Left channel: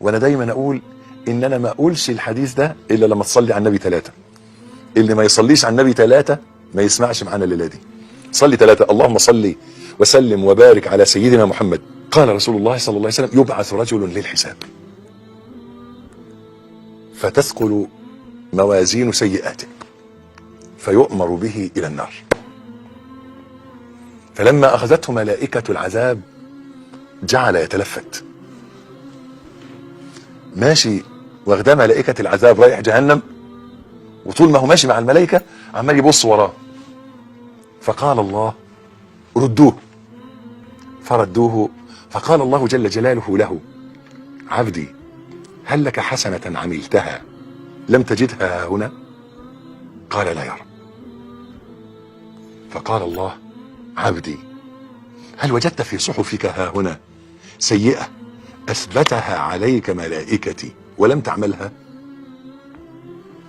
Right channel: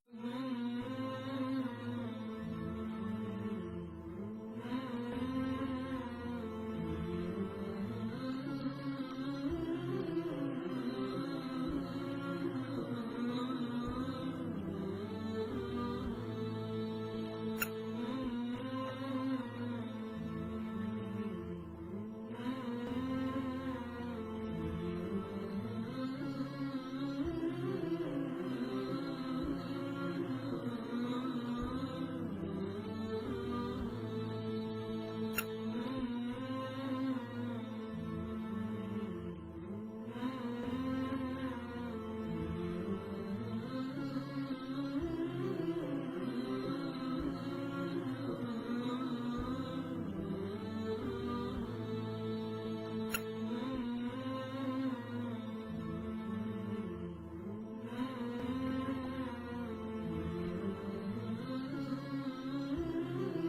وانا دايما اقول ان انا ما اقولش الحديث ده الا لما تصلي على النبي 3. اللي ما يصليش على النبي 3 ما يسمعش معانا الليله دي. صلي 3. اللهم صل وسلم وبارك على سيدنا محمد. قال رسول الله صلى الله عليه وسلم: يبعث رجل للحساب فتثقل موازين سيئاته فيؤمر به الى النار. فلما اخذته ملائكة العذاب جعل يتلفت، ماشي واخداه ملائكة العذاب رايح جهنم، وطول ما هو ماشي مع الملائكة عمال يبص وراه. فقال الله: ردوه. فردوه، فقال الله جل جلاله له: عبدي هل لك حسنة عملتها لم تجدها هنا؟ قال: لا يا رب. فقال الله: عبدي هل وجدت في صحفك ها هنا سيئة أثبتها عليك ملائكتي ولم تعملها؟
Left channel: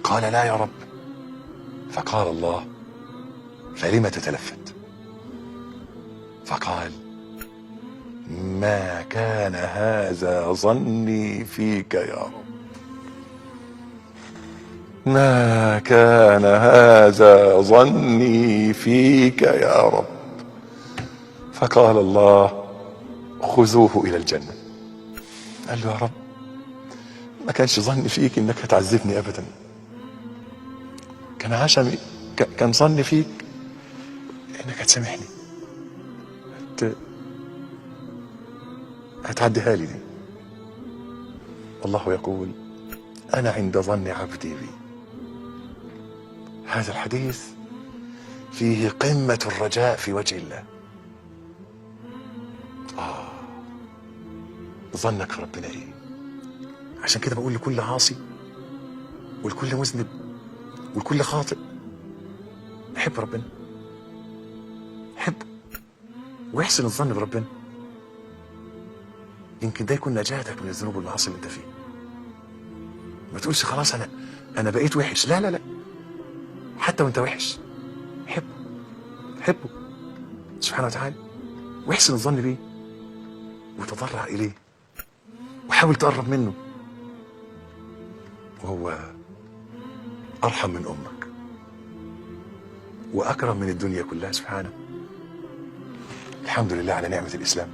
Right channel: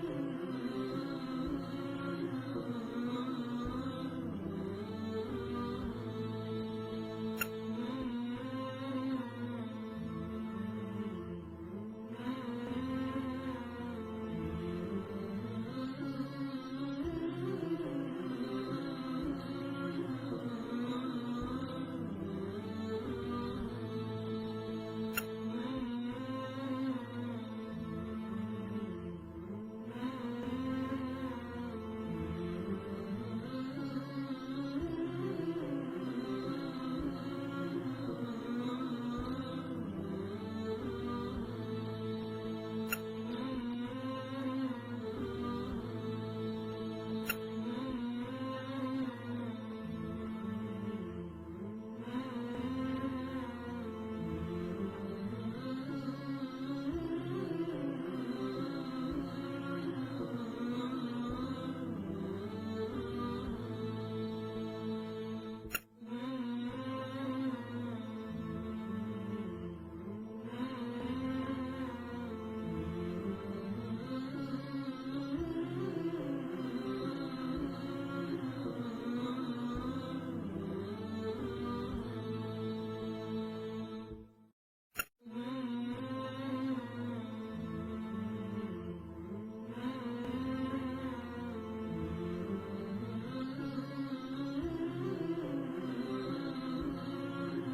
قال: لا يا رب. فقال الله: فلم تتلفت؟ فقال: ما كان هذا ظني فيك يا رب، ما كان هذا ظني فيك يا رب. فقال الله: خذوه إلى الجنة. قال له: يا رب ما كانش ظني فيك انك هتعذبني ابدا، كان عشمي، كان ظني فيك انك هتسامحني، هتعديها لي دي. الله يقول: انا عند ظن عبدي بي. هذا الحديث فيه قمة الرجاء في وجه الله. ظنك في ربنا ايه؟ عشان كده بقول لكل عاصي ولكل مذنب ولكل خاطئ: حب ربنا، حبه واحسن الظن بربنا، يمكن ده يكون نجاتك من الذنوب والمعاصي اللي انت فيه. ما تقولش خلاص انا بقيت وحش. لا لا لا، حتى وانت وحش حبه سبحانه وتعالى، واحسن الظن بيه وتضرع اليه وحاول تقرب منه، وهو ارحم من امك واكرم من الدنيا كلها سبحانه. الحمد لله على نعمة الاسلام.